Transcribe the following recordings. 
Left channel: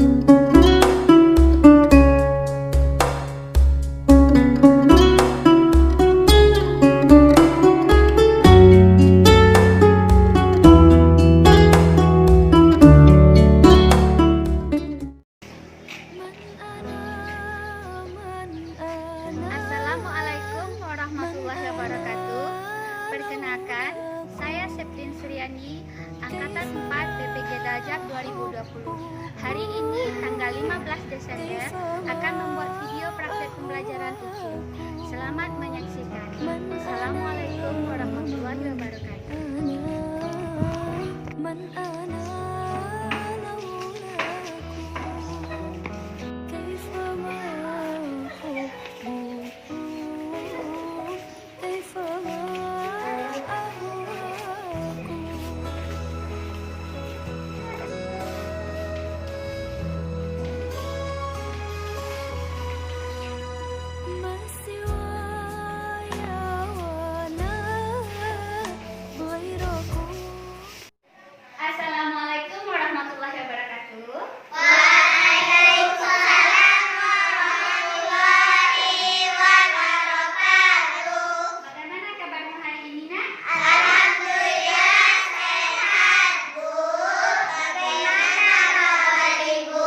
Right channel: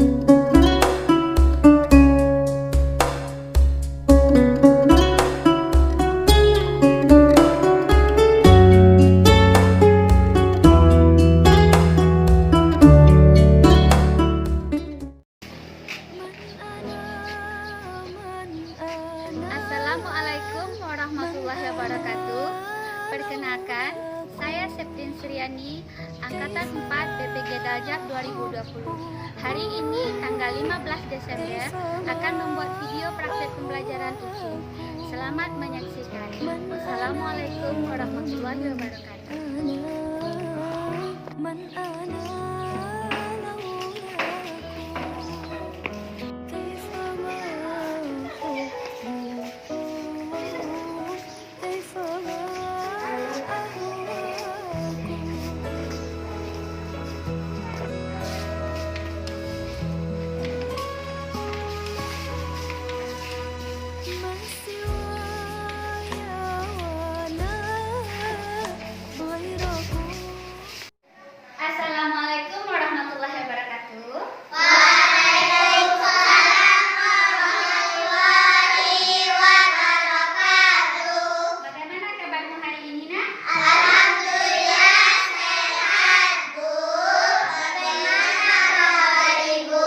Assalamualaikum warahmatullahi wabarakatuh. Perkenalkan, saya Septin Suryani, Angkatan 4 PPG Dajab 2020. Hari ini, tanggal 15 Desember, akan membuat video praktek pembelajaran ujian. Selamat menyaksikan. Wassalamualaikum warahmatullahi wabarakatuh. Assalamualaikum warahmatullahi wabarakatuh. Waalaikumsalam warahmatullahi wabarakatuh. Bagaimana kabarmu hari ini, Nak? Alhamdulillah sehat, Bu. Bagaimana kabar Ibu?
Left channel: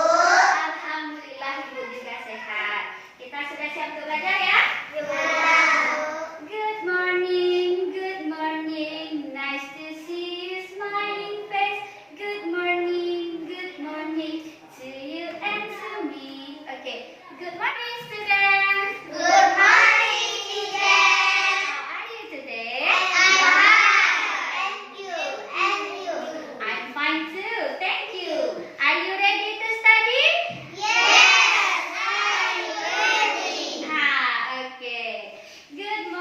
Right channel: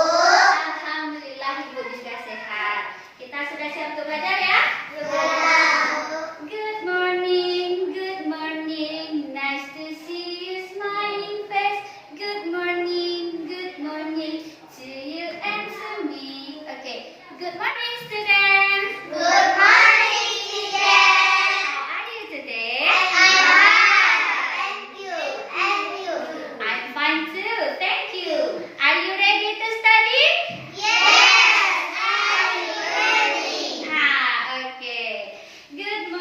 Alhamdulillah Ibu juga sehat. Kita sudah siap untuk belajar ya? Good morning, nice to see you smiling face. Good morning to you and to me. Okay, good morning students. Good morning, teacher. How are you today? I'm fine. Thank you. And you? I'm fine too, thank you. Are you ready to study? Yes, I'm ready. Okay. Good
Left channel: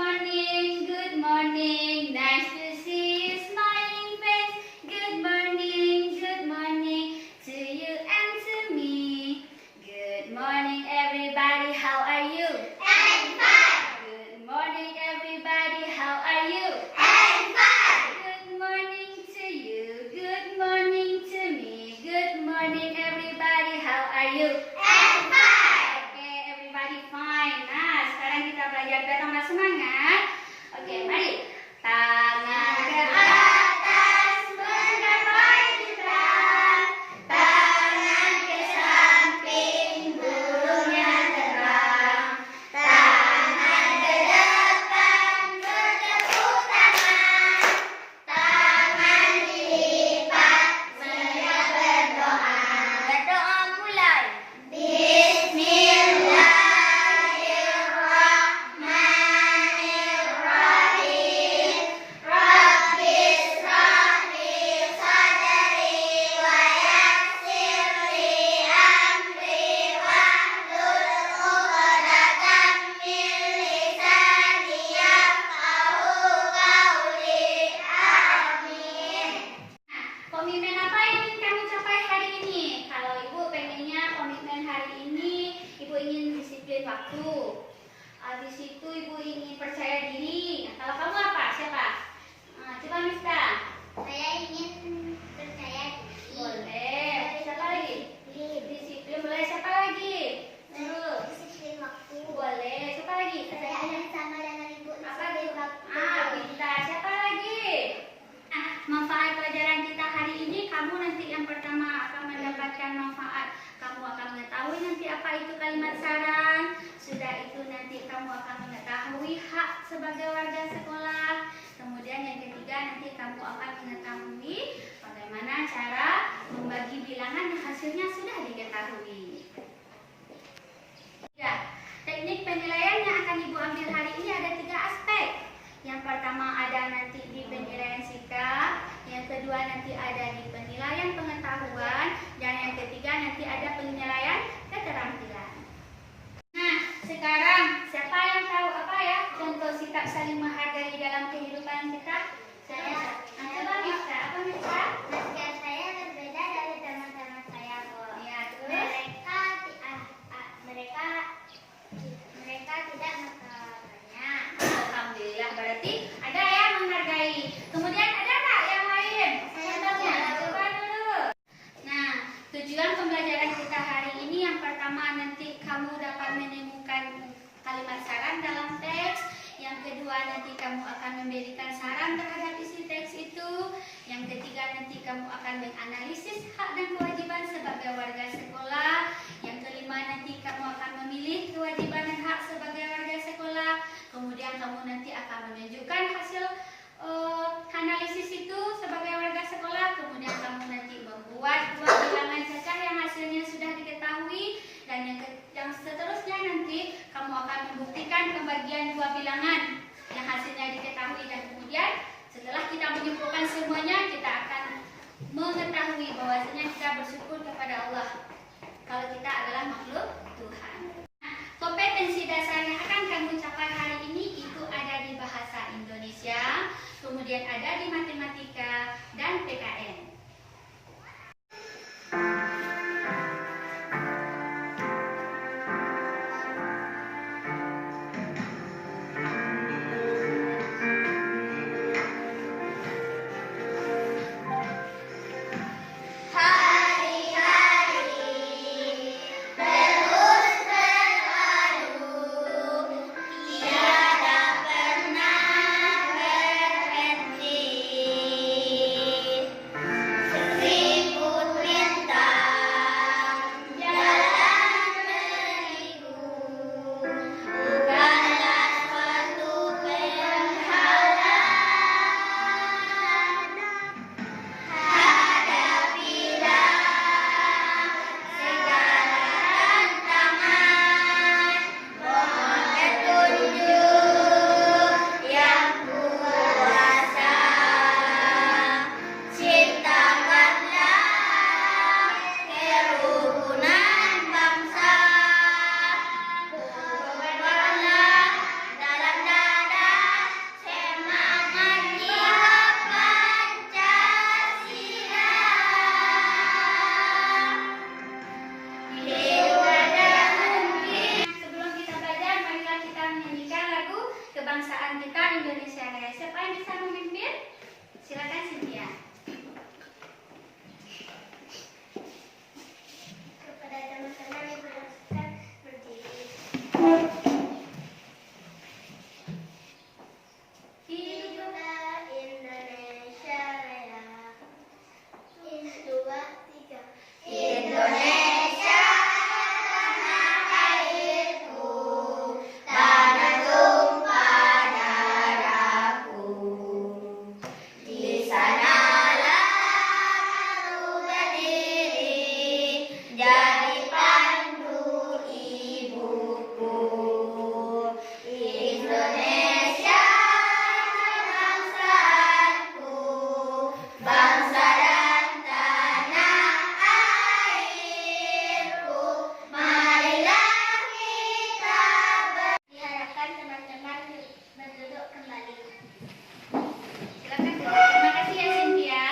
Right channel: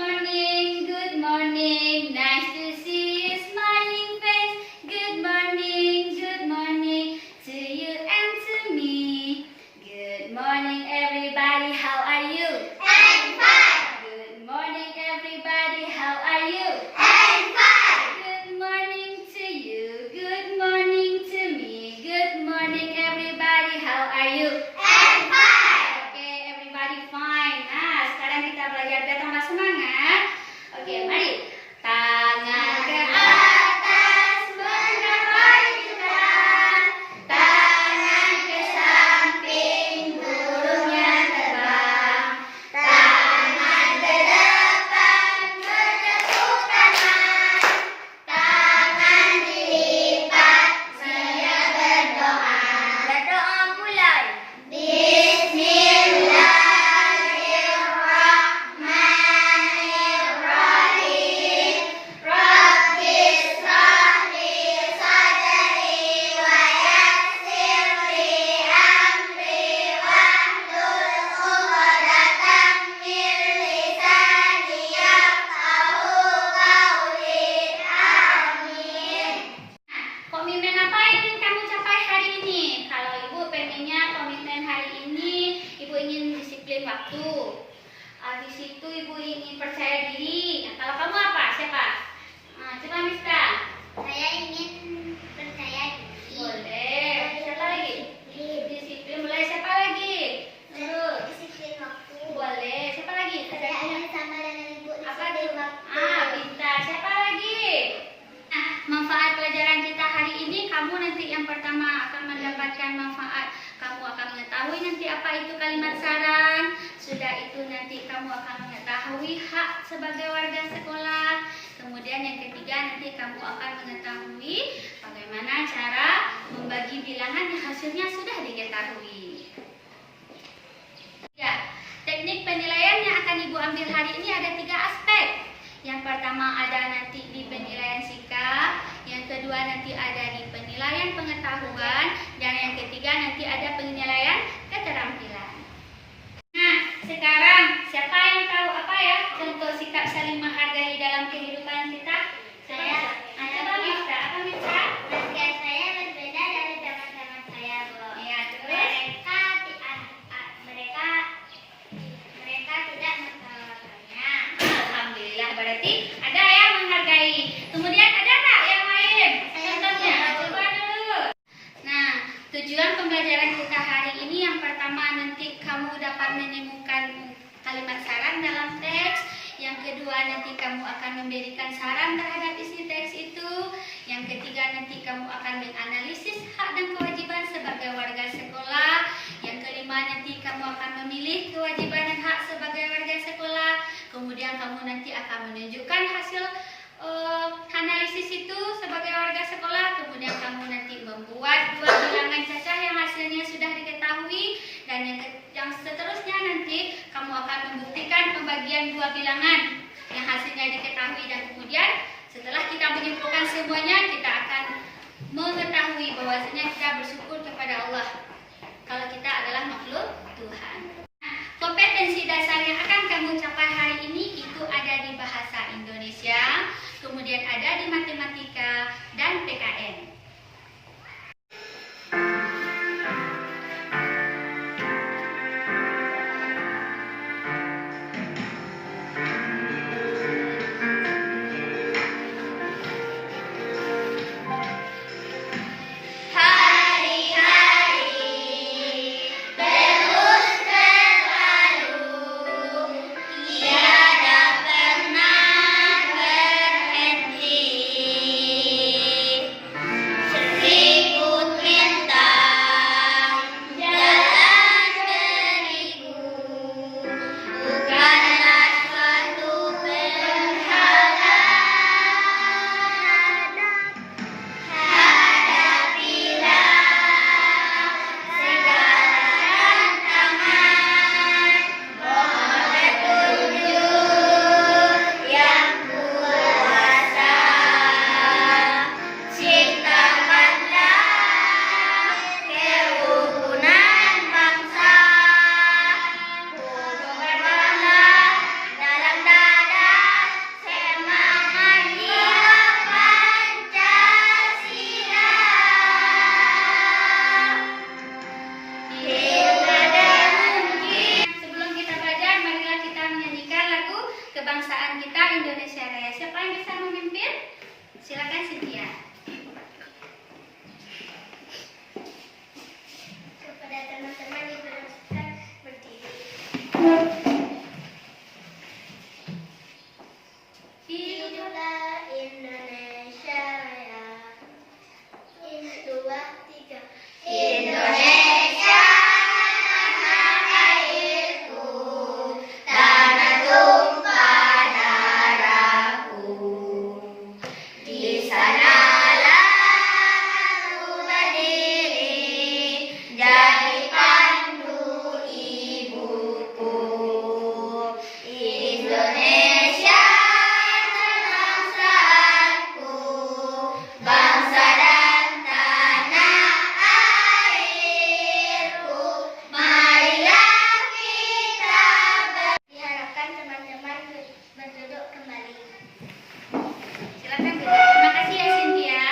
morning, nice to see you smiling face. Good morning to you and to me. Good morning everybody, how are you? I'm fine. Good morning everybody, how are you? I'm fine. Good morning to you, good morning to me. Good morning everybody, how are you? I'm fine. Oke, everybody fine. Nah, sekarang kita belajar tambah semangat. Oke, mari. Tangan ke atas menggapai kita. Tangan ke samping burungnya terbang. Tangan ke depan bertepuk tangan. Tangan dilipat sambil berdoa. Berdoa mulai. Bismillahirrahmanirrahim. Rabbis shrahli sadri wa yassirli amri wahlul 'uqdatam min lisani yafqahu qawli. Amin. Komitmen apa yang ingin kamu capai hari ini? Kalau Ibu pengennya komitmen hari ini, Ibu ingin disiplin waktu. Habis itu Ibu ingin percaya diri. Nah, kalau kamu apa? Siapa? Nah, coba Miftah. Saya ingin percaya diri. Boleh. Siapa lagi? Disiplin. Boleh. Siapa lagi? Terus. Disiplin waktu. Boleh. Siapa lagi? Saya ingin sama dengan Ibu Apa disiplin tuh? waktu. Pintar. Siapa lagi? Nah, manfaat pelajaran kita hari ini, kamu nanti yang pertama akan mendapatkan manfaat. Kamu akan mengetahui nanti apa itu kalimat saran. Sudah itu nanti kamu akan mengetahui hak sebagai warga sekolah. Kemudian yang ketiga nanti kamu akan mengetahui bagaimana cara membagi bilangan yang hasilnya sudah diketahui. Ya, teknik penilaian yang akan Ibu ambil hari ini ada 3 aspek. Yang pertama ada nanti di penilaian sikap, yang kedua nanti ada di penilaian pengetahuan, dan yang ketiga nanti ada penilaian keterampilan. Nah, sekarang siapa yang tahu apa ya contoh sikap saling menghargai dalam kehidupan kita? Saya. Coba Miftah, apa Miftah? Nasihat saya berbeda dari teman-teman saya, Bu. Ya, terus? Mereka tidak menolaknya. Alhamdulillah, berarti ada yang menghargai. Kemudian ada nggak yang lain? Contohnya, coba dulu. Nah, tujuan pembelajaran pelajaran kita hari ini yang pertama nanti kamu dapat menemukan kalimat saran dalam teks. Yang kedua nanti kamu akan memberikan saran terhadap isi teks itu. Yang ketiga nanti kamu akan menganalisis hak dan kewajiban sebagai warga sekolah. Yang kelima nanti kamu akan memilih kewajiban dan hak sebagai warga sekolah. Kemudian kamu nanti akan menunjukkan hasil analisis itu sebagai warga sekolah. Kemudian kamu nanti membuat dua bilangan cacah yang hasilnya sudah diketahui. Dan yang seterusnya nanti kamu akan membuktikan pembagian dua bilangan yang hasilnya diketahui. Dan kemudian setelah kita menyimpulkan semuanya, kita akan mengetahui bahwasanya kita bersyukur kepada Allah kalau kita adalah makhluk Tuhan. Kompetensi dasar yang akan kamu capai hari ini itu ada di bahasa Indonesia, kemudian ada di matematika dan PKN. Kebangsaan kita Indonesia Raya. Siapa yang bisa memimpin? Silakan Cynthia. Kepada teman-teman yang bersilakan berdiri. Hiduplah Indonesia Raya. 1, 2, 3. Indonesia tanah airku, tanah tumpah darahku. Di sanalah aku berdiri, jadi pandu ibuku. Indonesia bangsaku, bangsa dan tanah airku. Marilah kita diharapkan teman-teman berduduk kembali. Silakan duduk. Terima kasih ya Cynthia.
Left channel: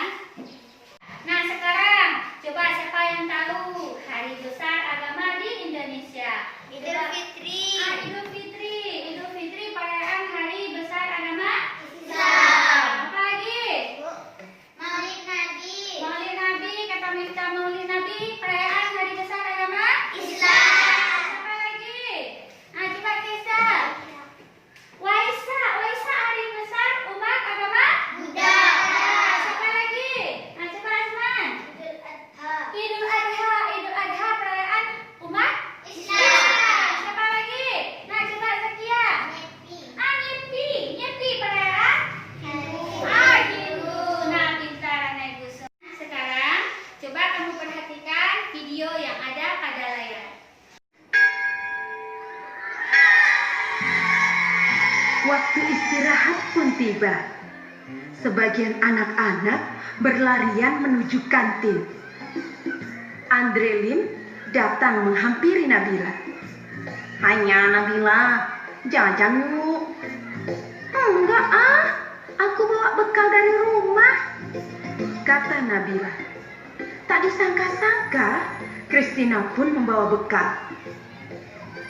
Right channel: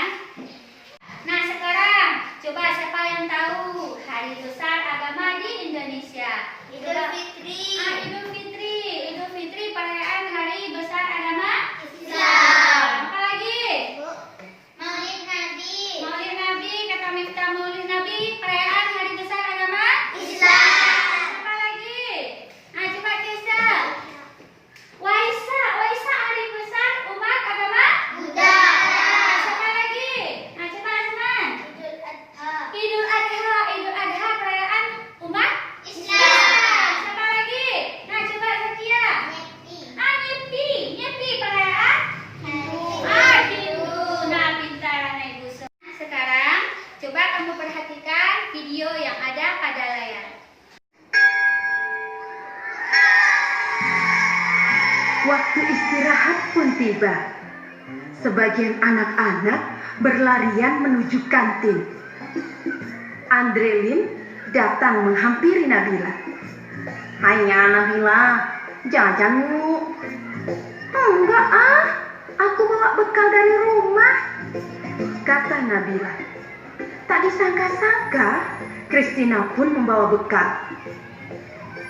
Nah sekarang coba siapa yang tahu hari besar agama di Indonesia? Idul Fitri. Idul Fitri. Idul Fitri perayaan hari besar agama Islam. Apa lagi? Maulid Nabi. Maulid Nabi, kata Miftah Maulid Nabi, perayaan hari besar agama Islam. Siapa lagi? Nah coba Kisah. Waisak hari besar umat agama Buddha. Siapa lagi? Nah coba Asman. Idul Adha. Idul Adha perayaan umat Islam. Siapa lagi? Nah coba Zakia. Nyepi perayaan Hindu. Nah pintar anak ibu semua. Sekarang coba kamu perhatikan video yang ada pada layar. Waktu istirahat pun tiba. Sebagian anak-anak berlarian menuju kantin. Andrelin datang menghampiri Nabila. Hanya Nabila, jajan yuk. Enggak aku bawa bekal dari rumah, kata Nabila. Tak disangka-sangka, Christina pun membawa bekal.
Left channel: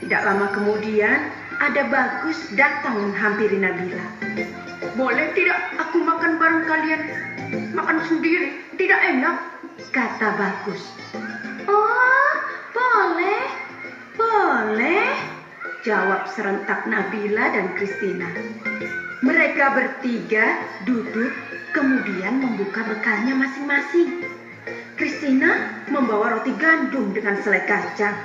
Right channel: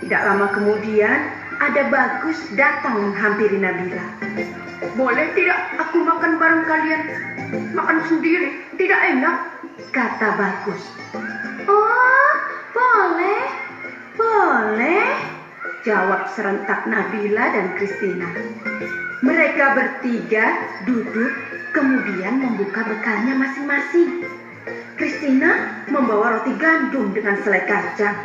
Tidak lama kemudian, ada Bagus datang menghampiri Nabila. Boleh tidak aku makan bareng kalian? Makan sendiri, tidak enak, kata Bagus. Oh, jawab serentak Nabila dan Christina. Mereka bertiga duduk, kemudian membuka bekalnya masing-masing. Christina membawa roti gandum dengan selai kacang.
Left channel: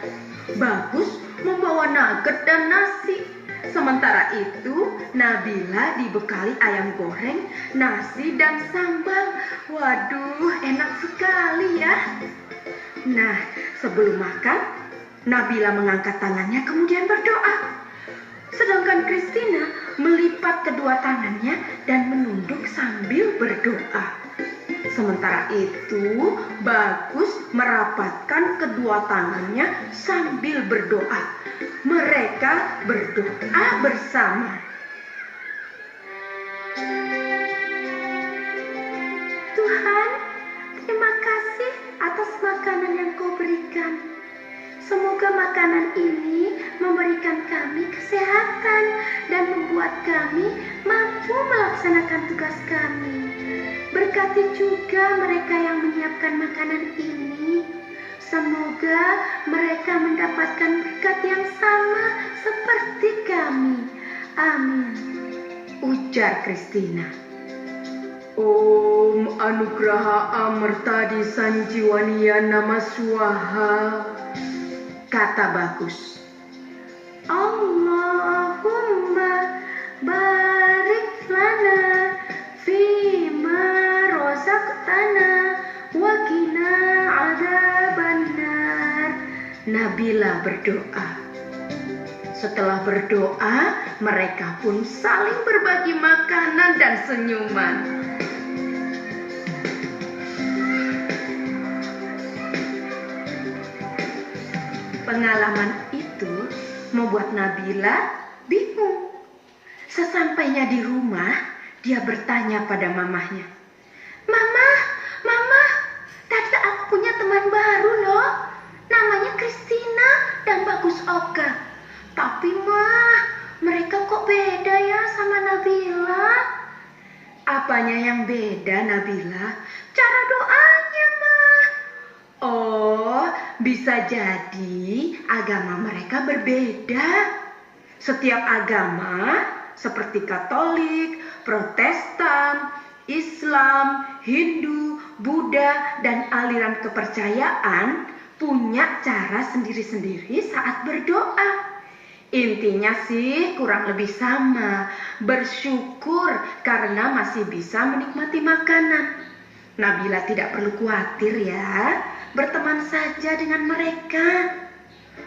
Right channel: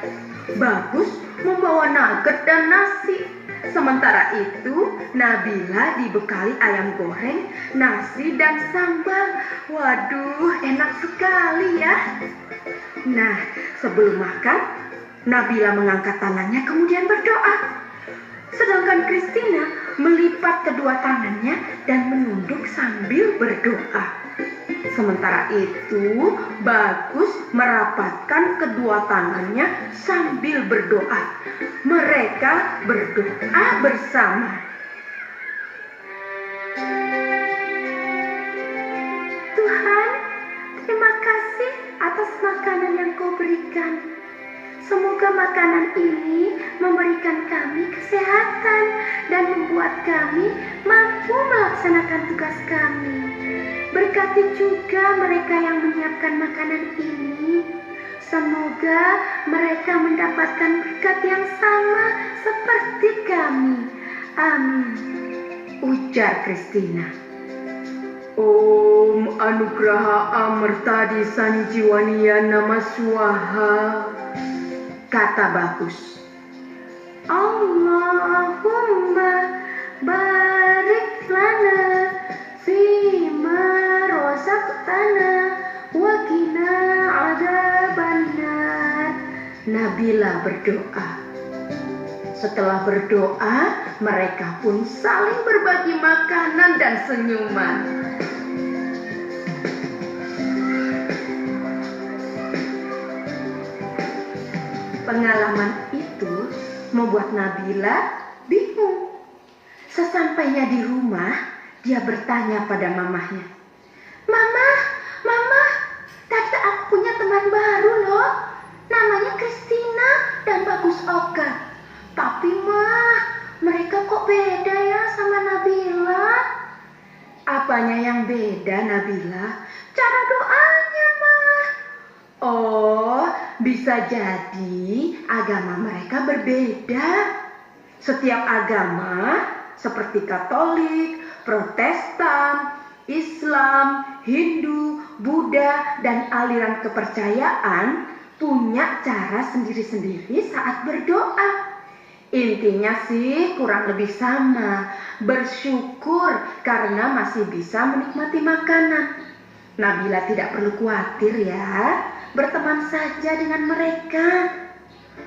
Bagus membawa nugget dan nasi. Sementara itu, Nabila dibekali ayam goreng, nasi, dan sambal. Waduh, enak sekali ya. Nah, sebelum makan, Nabila mengangkat tangannya kemudian berdoa. Sedangkan Christina melipat kedua tangannya dan menunduk sambil berdoa. Sementara itu, Bagus merapatkan kedua tangannya sambil berdoa. Mereka berdoa bersama. Tuhan, terima kasih atas makanan yang Kau berikan. Semoga makanan ini memberikan kami kesehatan dan membuat kami mampu melaksanakan tugas kami. Berkati juga mereka yang menyiapkan makanan ini. Semoga mereka mendapatkan berkat yang sama seperti kami. Amin. Ujar Christina. Om Anugraha Amartadi Sanjiwaniya Nama Swaha, kata Bagus. Allahumma barik lana fima rozaqtana wa qina adzabannar. Nabila berdoa. Setelah berdoa, mereka pun saling berbagi makanan dan senyuman. Pengalaman itu membuat Nabila bingung. Sesampainya di rumah, dia bertanya pada mamahnya. Mama, tadi aku punya teman baru loh. Namanya Christina dan Bagus Oka. Tapi mereka kok beda ya sama Nabila? Apanya yang beda, Nabila? Cara doanya, Oh, bisa jadi agama mereka berbeda. Setiap agama seperti Katolik, Protestan, Islam, Hindu, Buddha, dan aliran kepercayaan punya cara sendiri-sendiri saat berdoa. Intinya sih kurang lebih sama, bersyukur karena masih bisa menikmati makanan. Nabila tidak perlu khawatir ya, berteman saja dengan mereka.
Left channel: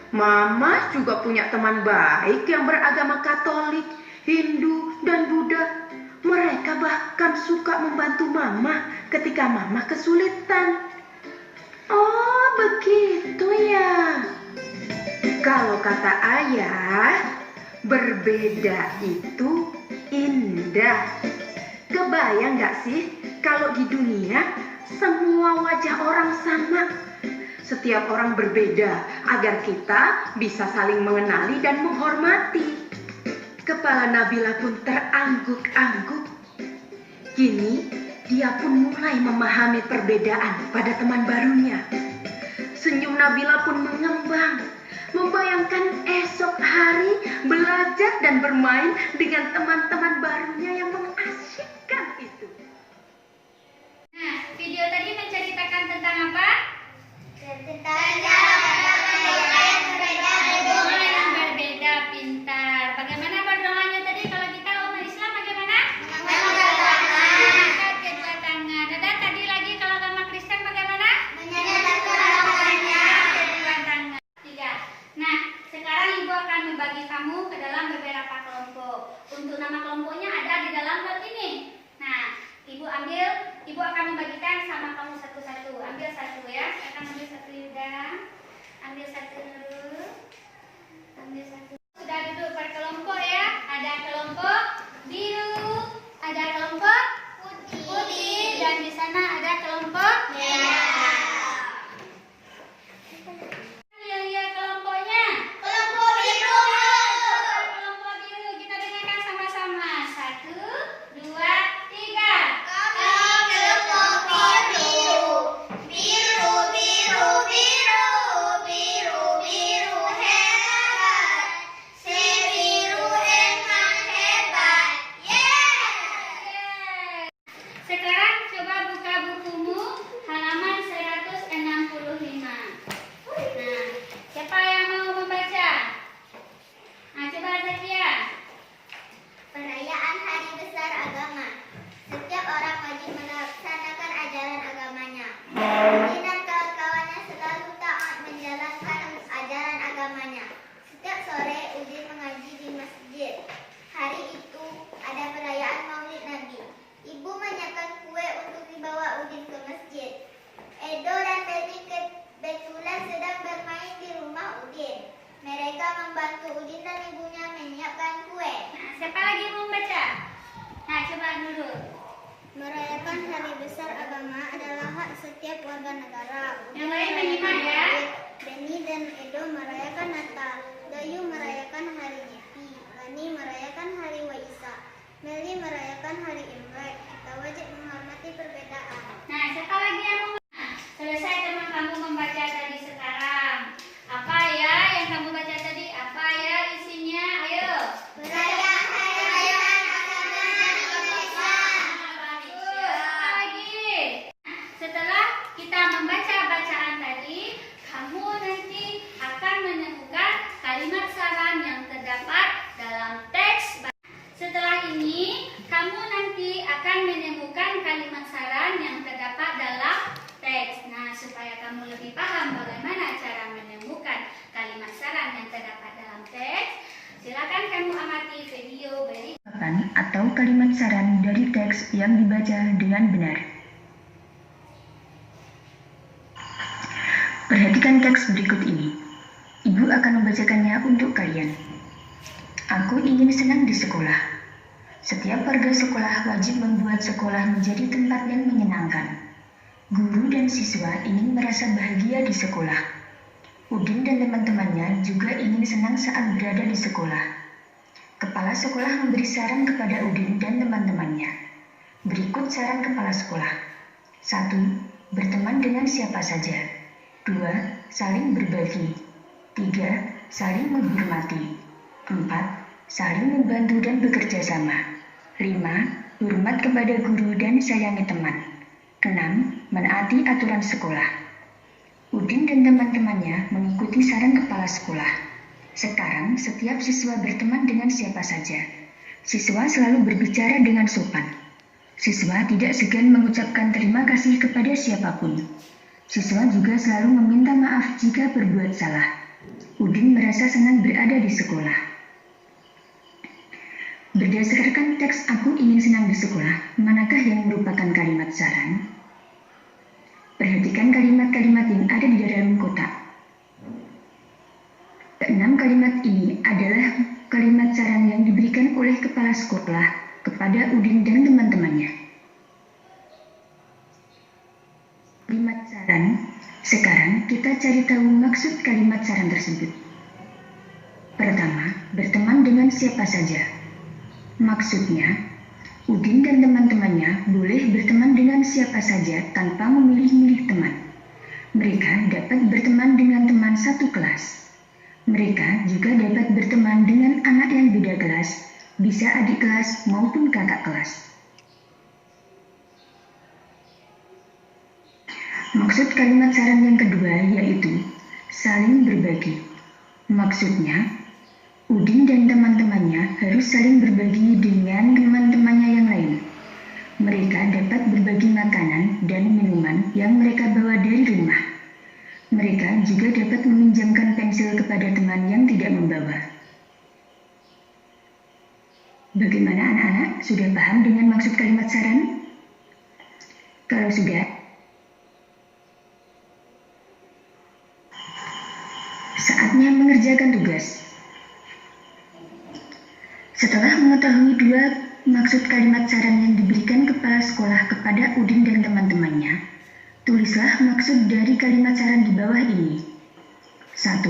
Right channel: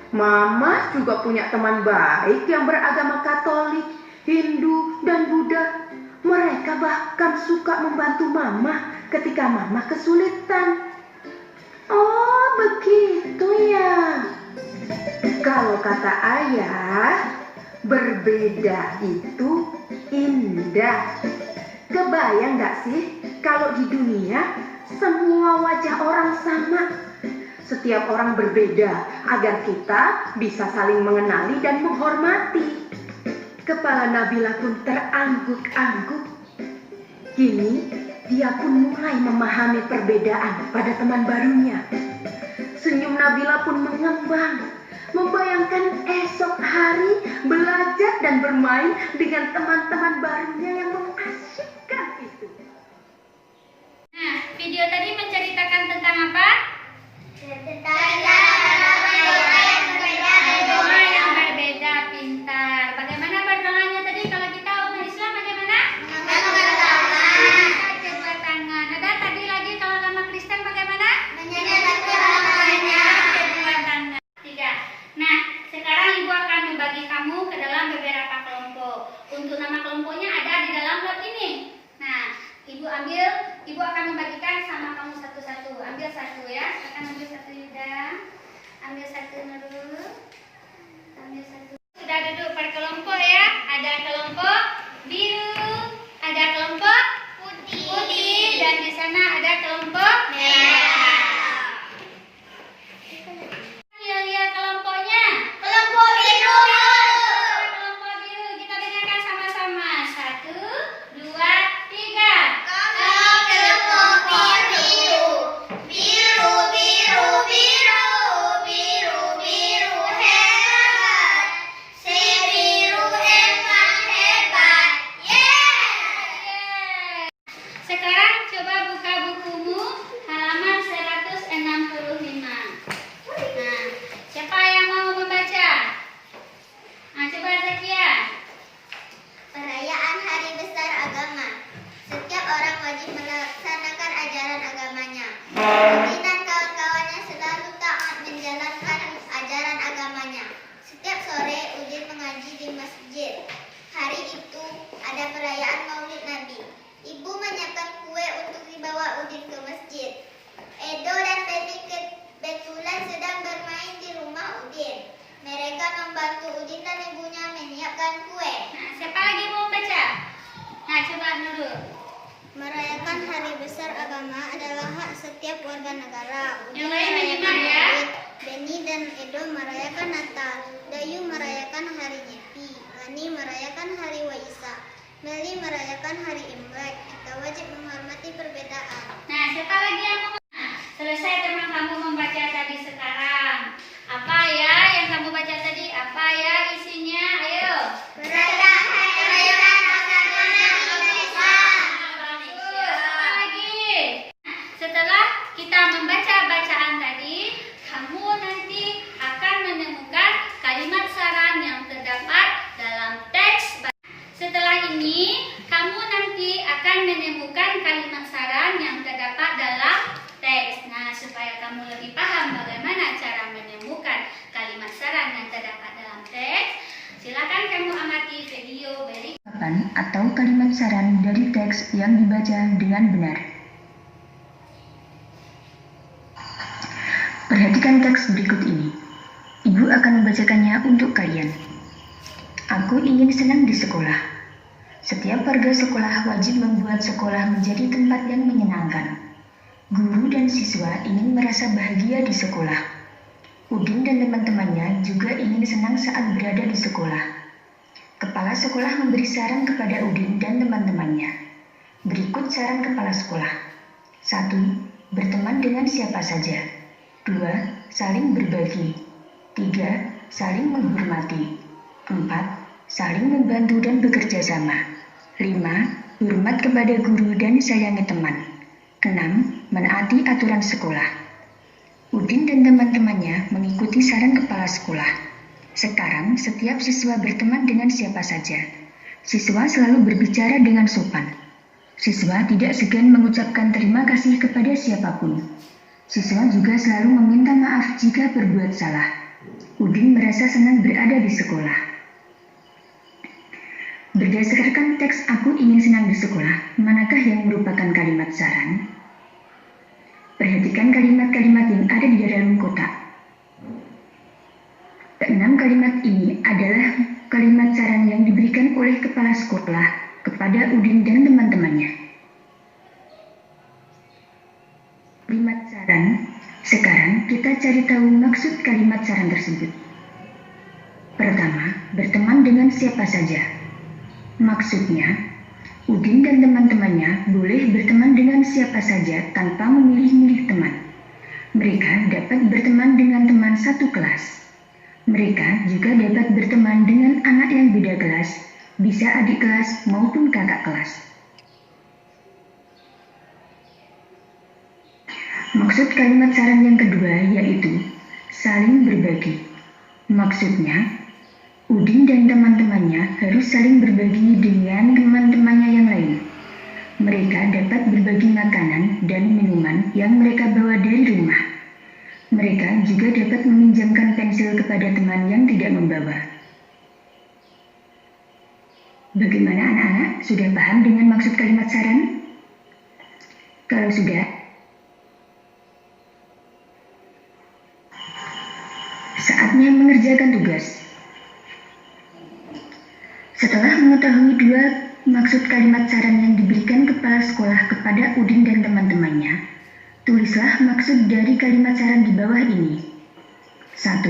Mama juga punya teman baik yang beragama Katolik, Hindu, dan Buddha. Mereka bahkan suka membantu Mama ketika Mama kesulitan. Oh, begitu ya. Kalau kata ayah, berbeda itu indah. Kebayang gak sih kalau di dunia semua wajah orang sama? Setiap orang berbeda agar kita bisa saling mengenali dan menghormati. Kepala Nabila pun terangguk-angguk. Kini dia pun mulai memahami perbedaan pada teman barunya. Senyum Nabila pun mengembang, membayangkan esok hari belajar dan bermain dengan teman-teman barunya yang mengasyikkan itu. Nah, video tadi menceritakan tentang apa? Berdoa yang berbeda, pintar. Bagaimana berdoanya tadi? Kalau kita umat Islam bagaimana? Mengangkat kedua tangan. Ada tadi lagi kalau agama Kristen bagaimana? Kedua tangan. 3. Nah, sekarang Ibu akan membagi kamu ke dalam beberapa kelompok. Untuk nama kelompoknya ada di dalam lot ini. Nah, Ibu akan membagikan sama kamu satu-satu. Ambil satu ya. Akan ambil satu Yuda. Ambil satu Nurul. Ambil satu. Sudah duduk per kelompok ya. Ada kelompok biru, ada kelompok putih, dan di sana ada kelompok merah. Lihat kelompoknya. Kelompok biru. Kita dengarkan sama-sama. 1, 2, 3. Biru, biru, biru, biru, biru, biru. membantu Udin dan ibunya menyiapkan kue. Nah, siapa lagi mau baca? Nah, coba dulu. Merayakan hari besar agama adalah hak setiap warga negara. Udin Yang lain merayakan lima, ya. Maulid, Beni dan Edo merayakan Natal, Dayu merayakan hari Nyepi, Gani merayakan hari Waisak, Meli merayakan hari Imlek. Kita wajib menghormati perbedaan. Nah, siapa lagi yang mau? Nah, selesai teman kamu membaca tadi sekarang. Apa ya yang kamu baca tadi? Apa ya isinya? Ayo. Merayakan agama Nabi Isa. Bagus. Apa lagi? Setelah kita membaca bacaan tadi, kamu nanti akan menemukan kalimat saran yang terdapat dalam teks. Setelah ini, kamu nanti akan menemukan kalimat saran yang terdapat dalam teks. Nah, supaya kamu lebih paham bagaimana cara menemukan kalimat saran yang terdapat dalam teks, silakan kamu amati video berikut. Atau kalimat saran dari teks yang dibaca dengan benar. Perhatikan teks berikut ini. Ibu akan membacakannya untuk kalian. Aku ingin senang di sekolah. Setiap warga sekolah wajib membuat sekolah menjadi tempat yang menyenangkan. Guru dan siswa ingin merasa bahagia di sekolah. Udin dan teman-temannya juga ingin senang saat berada di sekolah. Kepala sekolah memberi saran kepada Udin dan teman-temannya. Berikut saran kepala sekolah. 1. Berteman dengan siapa saja. 2. Saling berbagi. 3. Saling menghormati. 4. Saling membantu dan bekerja sama. 5. Hormat kepada guru dan sayangi teman. 6. Menaati aturan sekolah. Udin dan teman-temannya mengikuti saran kepala sekolah. Sekarang, setiap siswa berteman dengan siapa saja. Siswa selalu berbicara dengan sopan. Siswa tidak segan mengucapkan terima kasih kepada siapapun. Siswa juga selalu meminta maaf jika berbuat salah. Udin merasa senang berada di sekolah. Berdasarkan teks "Aku ingin senang di sekolah", manakah yang merupakan kalimat saran? Perhatikan kalimat-kalimat yang ada di dalam kotak. Keenam kalimat ini adalah kalimat saran yang diberikan oleh kepala sekolah kepada Udin dan teman-temannya. Kalimat saran. Sekarang kita cari tahu maksud kalimat saran tersebut. Pertama, berteman dengan siapa saja. Maksudnya, Udin dan teman-temannya boleh berteman dengan siapa saja tanpa memilih-milih teman. Mereka dapat berteman dengan teman satu kelas. Mereka juga dapat berteman dengan anak yang beda kelas, bisa adik kelas maupun kakak kelas. Maksud kalimat saran yang kedua yaitu saling berbagi. Maksudnya, Udin dan teman-temannya harus saling berbagi dengan teman-temannya yang lain. Mereka dapat berbagi makanan dan minuman yang mereka bawa dari rumah. Mereka juga dapat meminjamkan pensil kepada teman yang tidak membawa. Bagaimana anak-anak? Sudah paham dengan maksud kalimat saran? Kalau sudah, saatnya mengerjakan tugas. Setelah mengetahui dua maksud kalimat saran yang diberikan kepala sekolah kepada Udin dan teman-temannya, tulislah maksud dari kalimat saran di bawah ini. 1.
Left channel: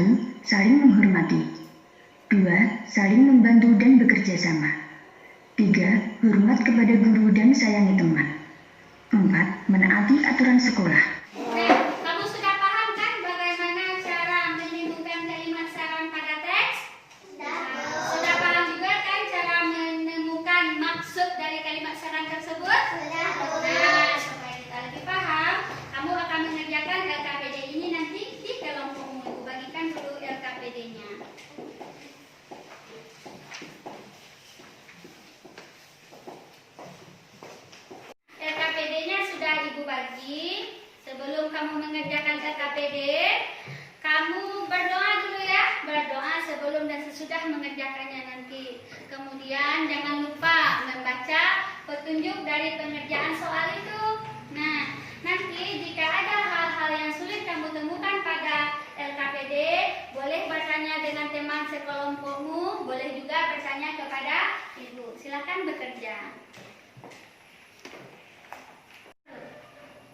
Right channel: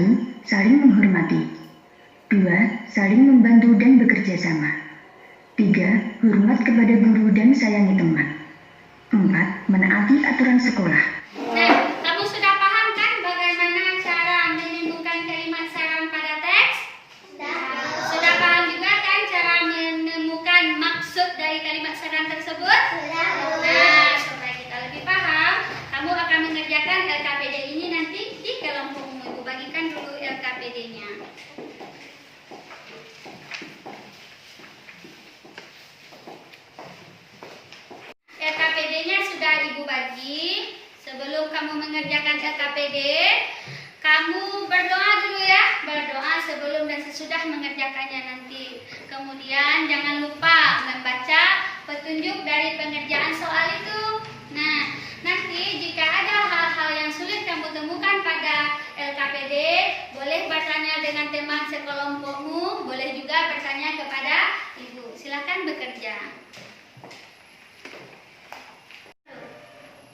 Saling menghormati. 2. Saling membantu dan bekerja sama. 3. Hormat kepada guru dan sayangi teman. 4. Menaati aturan sekolah. Nah, kamu sudah paham kan bagaimana cara menemukan kalimat saran pada teks? Sudah paham juga kan cara menemukan maksud dari kalimat saran tersebut? Nah, supaya kita lebih paham, kamu akan mengerjakan LKPD ini nanti di kelompokmu. Ibu bagikan dulu LKPD-nya. LKPD-nya sudah Ibu bagi. Sebelum kamu mengerjakan LKPD, kamu berdoa dulu ya. Berdoa sebelum dan sesudah mengerjakannya nanti. Kemudian jangan lupa membaca petunjuk dari pengerjaan soal itu. Nah, nanti jika ada hal-hal yang sulit kamu temukan pada LKPD, boleh bertanya bertanya dengan teman sekelompokmu, boleh juga bertanya kepada ibu. Silakan bekerja.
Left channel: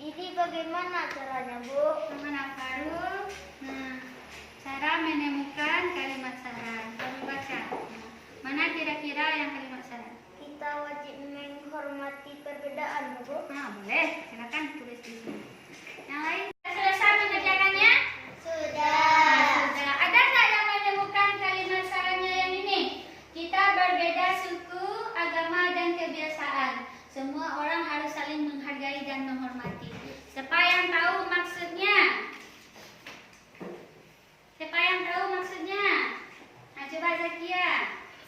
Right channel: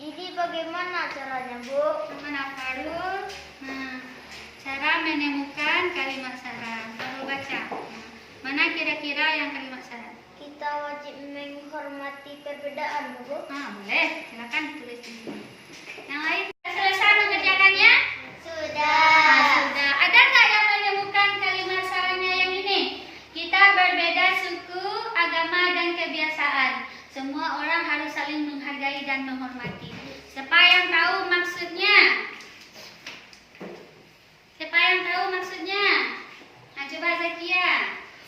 Ini bagaimana caranya, Bu? Teman Farul, cara menemukan kalimat syarat. Kamu baca. Mana kira-kira yang kalimat syarat? Kita wajib menghormati perbedaan, Bu. Boleh. Silakan tulis di sini. Yang lain sudah selesai mengerjakannya? Sudah. Sudah. Ada nggak yang menemukan kalimat syaratnya yang ini? Kita berbeda suku, agama, dan kebiasaan. Semua orang harus saling menghargai dan menghormati. Siapa yang tahu maksudnya? Siapa yang tahu maksudnya? Coba Zakia.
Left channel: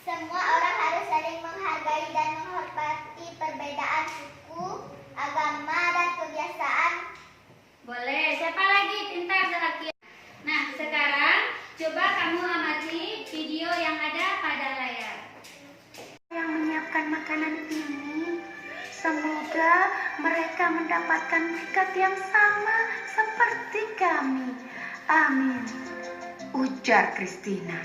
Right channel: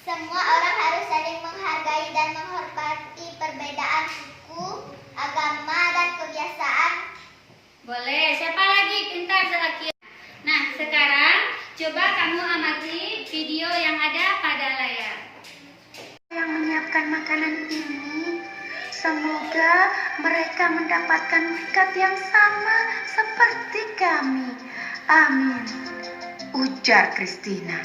Semua orang harus saling menghargai dan menghormati perbedaan suku, agama, dan kebiasaan. Boleh. Siapa lagi pintar Zakia? Nah, sekarang coba kamu amati video yang ada pada layar. Yang menyiapkan makanan ini, semoga mereka mendapatkan berkat yang sama seperti kami. Amin. Ujar Kristina.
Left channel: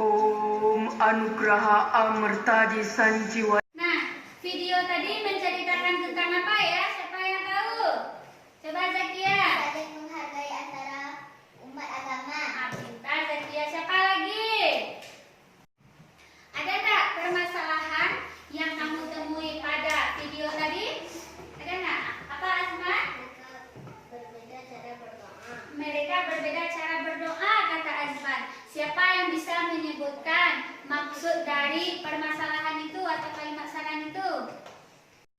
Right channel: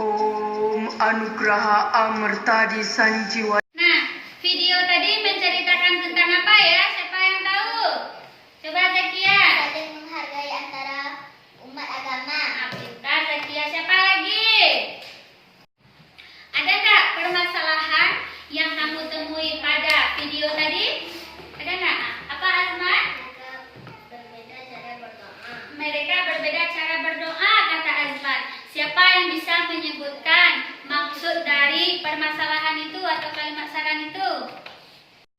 Om Anugraha Amertadi Sanjiwa. Nah, video tadi menceritakan tentang apa ya? Siapa yang tahu? Coba Zakia. Saling menghargai antara umat agama. Pintar Zakia. Siapa lagi? Ada nggak permasalahan yang kamu temui pada video tadi? Ada nggak? Apa Azman? Berbeda cara berdoa. Mereka berbeda cara berdoa, kata Azman. Siapa yang bisa menyebutkan maksud dari permasalahan itu atau kalimat saran itu?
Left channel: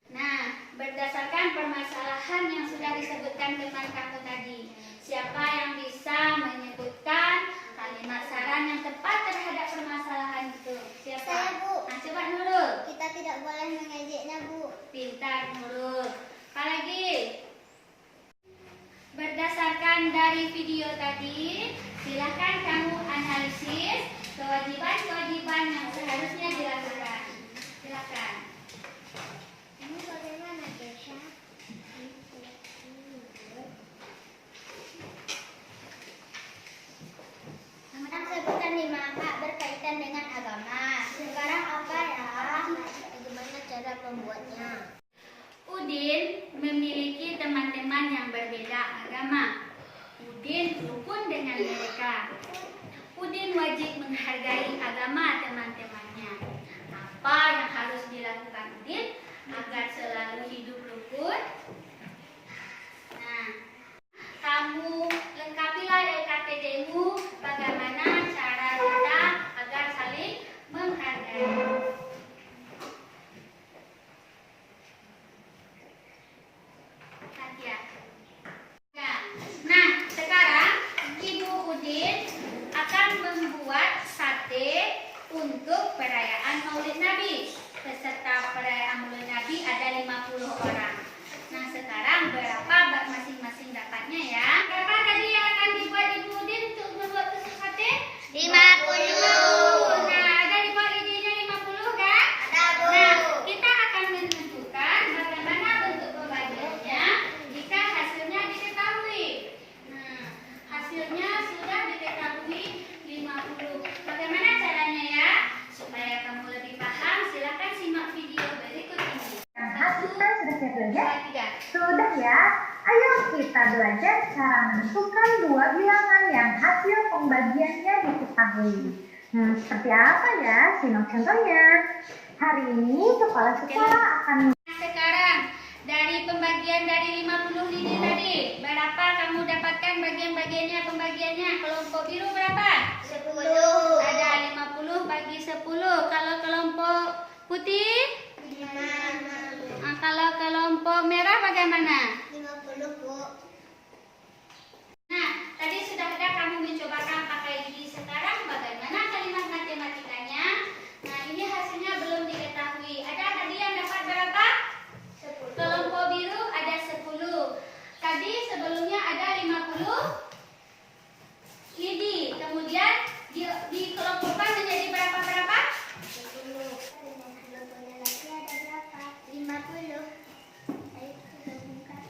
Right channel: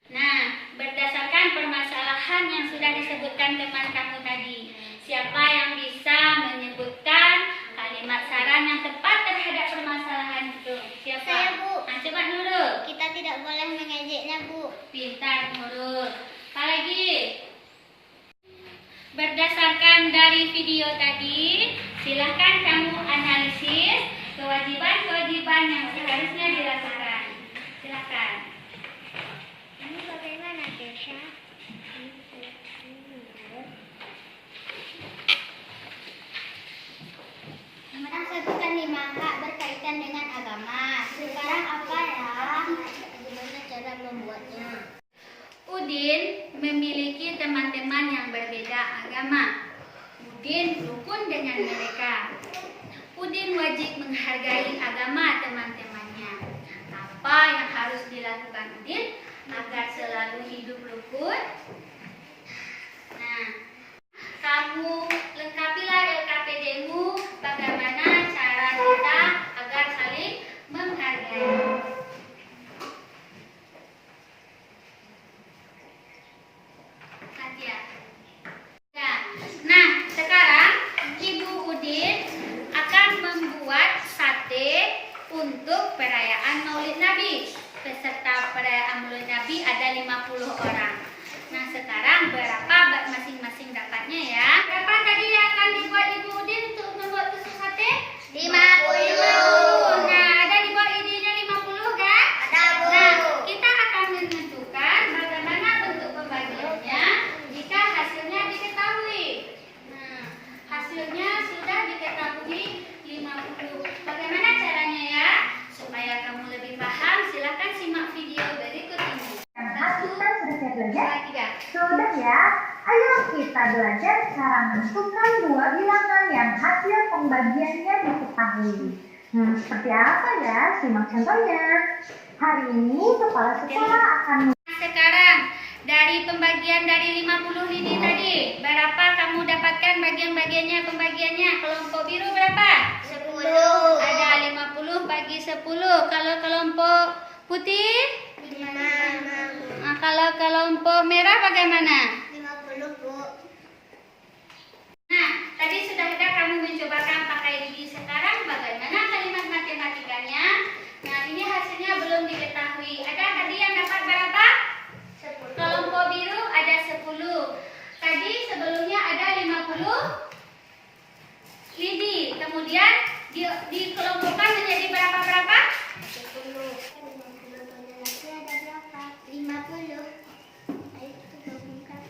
Nah, berdasarkan permasalahan yang sudah disebutkan teman kamu tadi, siapa yang bisa menyebutkan kalimat saran yang tepat terhadap permasalahan itu? Siapa? Saya, Bu. Coba Nurul. Kita tidak boleh mengejeknya, Bu. Pintar Nurul. Apa lagi? Berdasarkan dari video tadi, silahkan kamu analisis kewajiban-kewajiban yang seharusnya dilakukan. Silakan. Ini bagaimana, Kesha? Sekarang sebutkan 5 hak berkaitan dengan agama. Sekarang apa ya? Bagaimana cara membuatnya? Udin memiliki teman-teman yang berbeda agama. Udin rukun dengan mereka. Udin wajib menghargai agama teman-temannya. Apa yang harus dilakukan Udin agar selalu hidup rukun? Nah, kamu lengkapilah LKPD-mu bagaimana cara kita agar saling menghargai. Nah, sekarang Ibu Udin akan membuat sate untuk perayaan Maulid Nabi. Peserta perayaan Maulid Nabi ada 50 orang. Nah, sekarang berapa masing-masing dapatnya ya? Berapa tadi yang akan dibuat Ibu Udin untuk membuat tusuk sate? 50. Nah, ada di bawah idenya 50 kan? Ada, Bu. Nah, kita akan menentukan bagaimana untuk pembagiannya jika hasilnya diketahui. Nah, hasilnya sudah diketahui 50. Bagaimana caranya ya? Supaya kamu lebih paham, silakan simak video berikut ini. Yang hasil kita sudah siap belajar? Tidak. Sudah ya. Ayo kita belajar cara menentukan dua bilangan yang hasil pembagiannya diketahui. Seperti apa ya? Simak contohnya. Hari ini kepala sekolah akan Sekarang dari pembagian dari 50 lidi tadi, berapa kamu dapatkan bagian-bagiannya pembagiannya? Kelompok biru berapa? 10. Ada 50 bagi 10. Kalau kelompok putih? 5. Nah, kalau kelompok merah bagaimana? 50, Bu. Nah, tadi sudah ada kamu mencobakan pakai gigi. Sekarang bagaimana kalimat matematikanya? Nah, ini hasilnya belum diketahui. Ada tadi yang dapat berapa? 10. Kelompok biru ada 10. Tadi sebelumnya ada 50 lidi. Kemudian dikelompokkan menjadi berapa-berapa? 10. 50 lagi ada berapa? 50. Ayo kita gabungkan.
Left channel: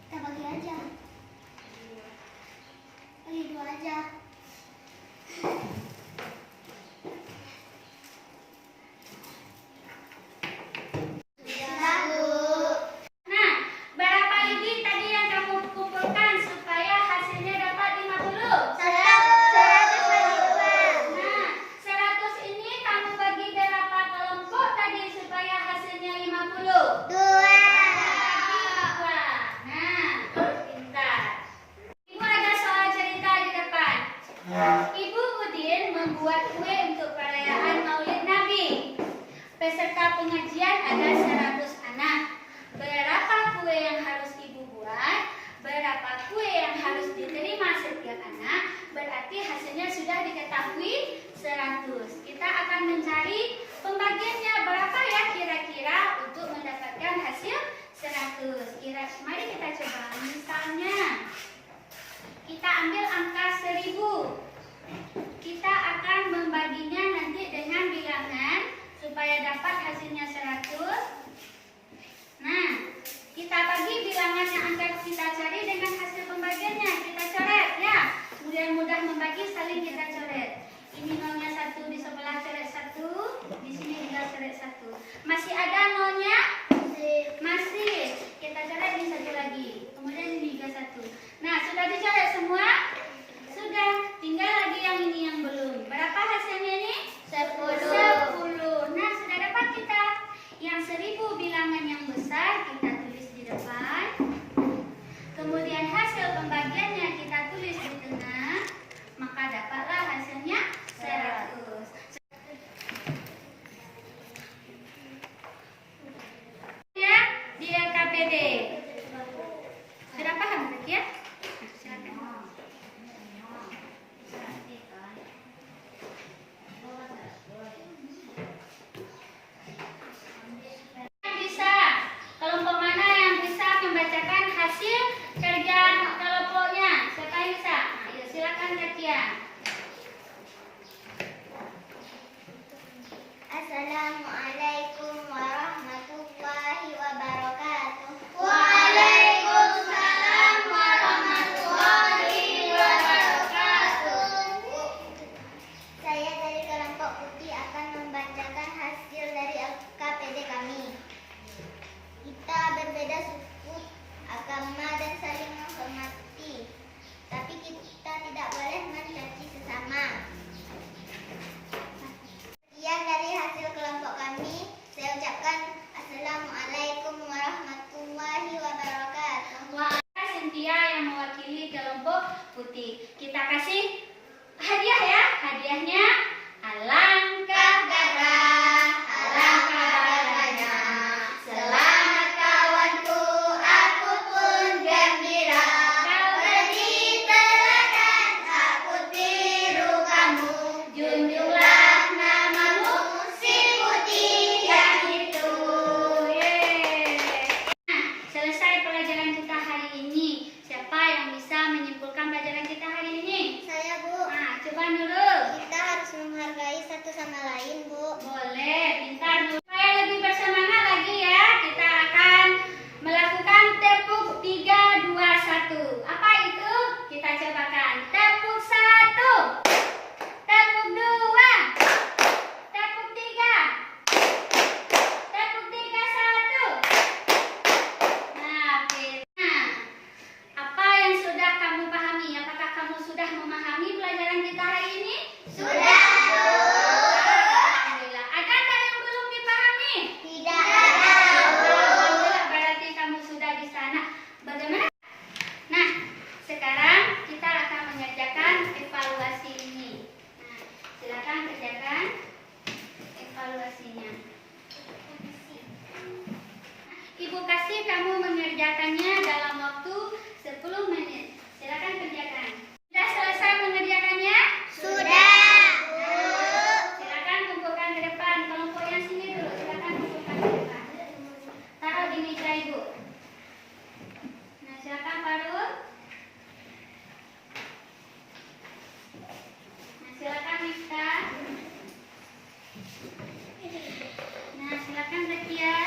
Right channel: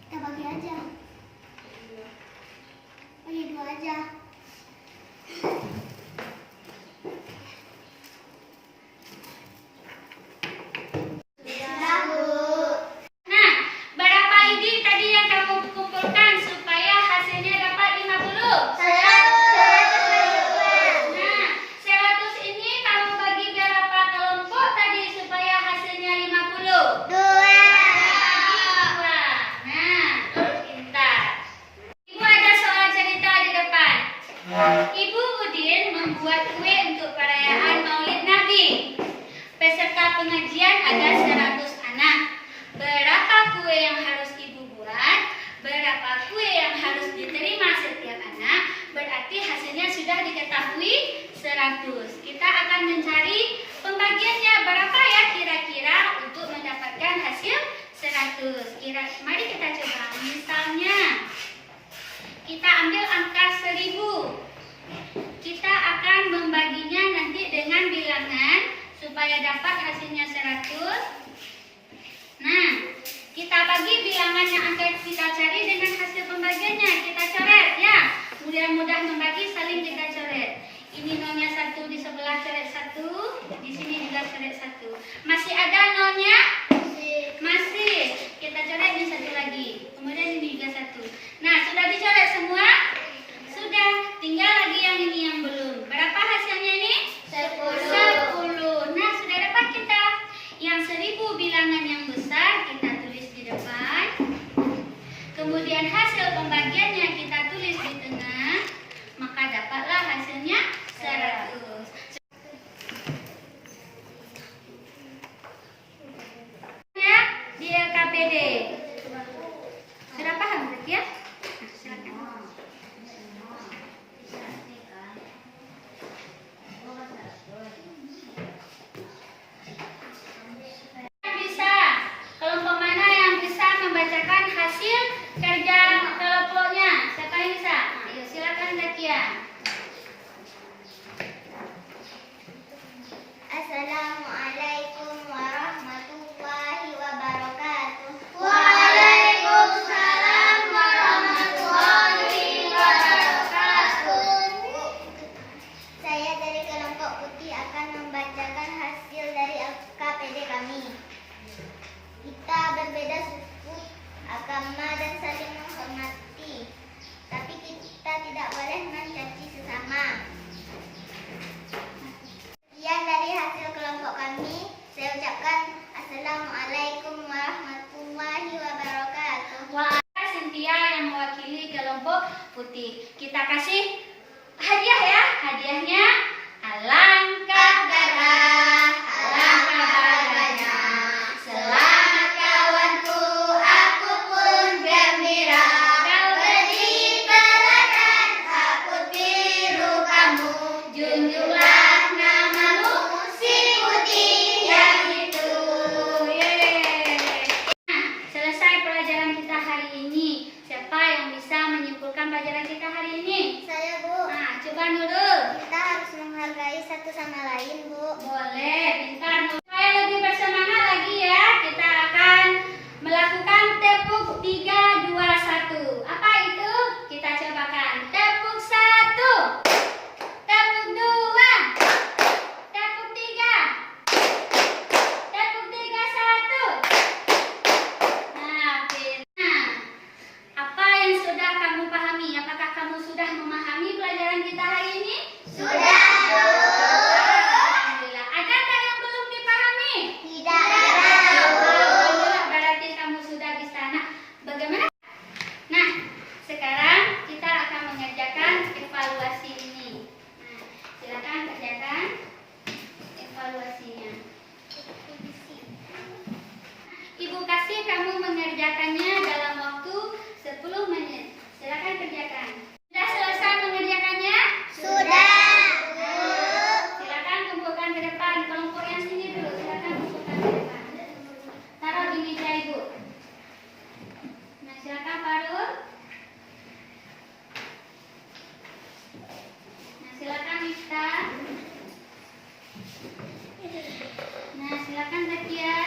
Kita bagi aja. sudah diketahui 100. Kita akan mencari pembagiannya berapa ya kira-kira untuk mendapatkan hasil 100. Mari kita coba. Misalnya kita ambil angka 1000. Kita akan membaginya nanti dengan bilangan supaya dapat hasilnya 100. Nah, kita bagi bilangan yang akan kita cari dengan hasil pembagiannya. Kita coret ya. Mudah membagi, saling kita coret. Ini nolnya 1 di sebelah, coret 1. Di sini juga coret 1. Masih ada nolnya? Masih. Kita coret ini 1 lagi. Kemudian ini juga 1. Nah, sudah dicoret semua? Sudah. Tinggal lagi yang ini yang belum. Berapa hasilnya ini? 10. Nah, sudah dapat kita. Yang 1000 bilangan yang besar kita tulis di depan. Kemudian hasil pembagiannya kita tulis di tengah. Maka dapatlah hasilnya 100. Ya, di LKPD. Sudah paham ya? Kelompok mana yang bisa membacakan hasil kerja kelompoknya? Siapa yang bisa? Ayo silakan Katia. Assalamualaikum warahmatullahi wabarakatuh. Waalaikumsalam warahmatullahi wabarakatuh. Saya dari kelompok putih akan membacakan hasil dari LKPD kami. Kita berbeda suku, agama, dan saling menghormati. Tapi kita tidak boleh mencaci sesama. Sekian dari hasil kelompok kami. Saya ucapkan Assalamualaikum warahmatullahi wabarakatuh. Wah, Cynthia yang mewakili kelompok putih. Kita kasih hadiah ya. Hadiahnya alangkah darah, alangkah darahnya. Selamat kawanku, aku pun gembira. Kau berjitakan, aku tiru kamu. Junjunglah namamu, si putih yang itu. Yeay. Nah, selesai pelajaran kita hari ini. Siapa yang bisa menyimpulkan pelajaran kita hari ini? Saya, Bu. Nah, coba dulu. Kita harus menghargai satu sama lain, Bu. Boleh, pintar dulu. Supaya lebih bersemangat lagi ya, kita akan melakukan tepuk 3, 2, 1. Apa itu? Kita cobakan. Tepuk 1. Tepuk 2. Tepuk 3. Tepuk 3, 1. Nah, nah, apa yang sudah kamu pahami? Apakah kamu sudah memahami pelajaran kita hari ini? Sudah, Bu. Alhamdulillah. Ada nggak yang belum dipahami? Tidak ada, Bu. Alhamdulillah, berarti kamu sudah di sana. Bagaimana? Nah, sekarang kita akan mengerjakan evaluasi ini. Nah, silakan kerjakan evaluasinya. Ibu kasih kamu mengerjakannya dalam waktu 10 menit. Silakan kerjakan. Sudah selesai mengerjakannya? Sudah, Bu. Silakan kumpulkan ke depan. Kelompok yang sini dulu. Silakan kumpulkan ke depan. Taruh di meja Ibu. Nah, silakan Farul. Nah, silakan Mifta. Nah, silakan Zakia.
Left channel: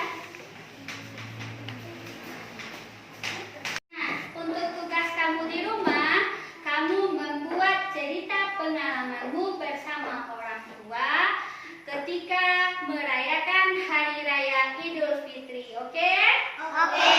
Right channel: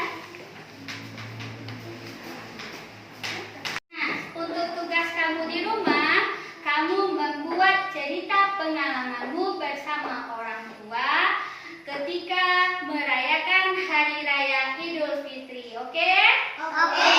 Nah, untuk tugas kamu di rumah, kamu membuat cerita pengalamanmu bersama orang tua ketika merayakan Hari Raya Idul Fitri. Oke? Oke.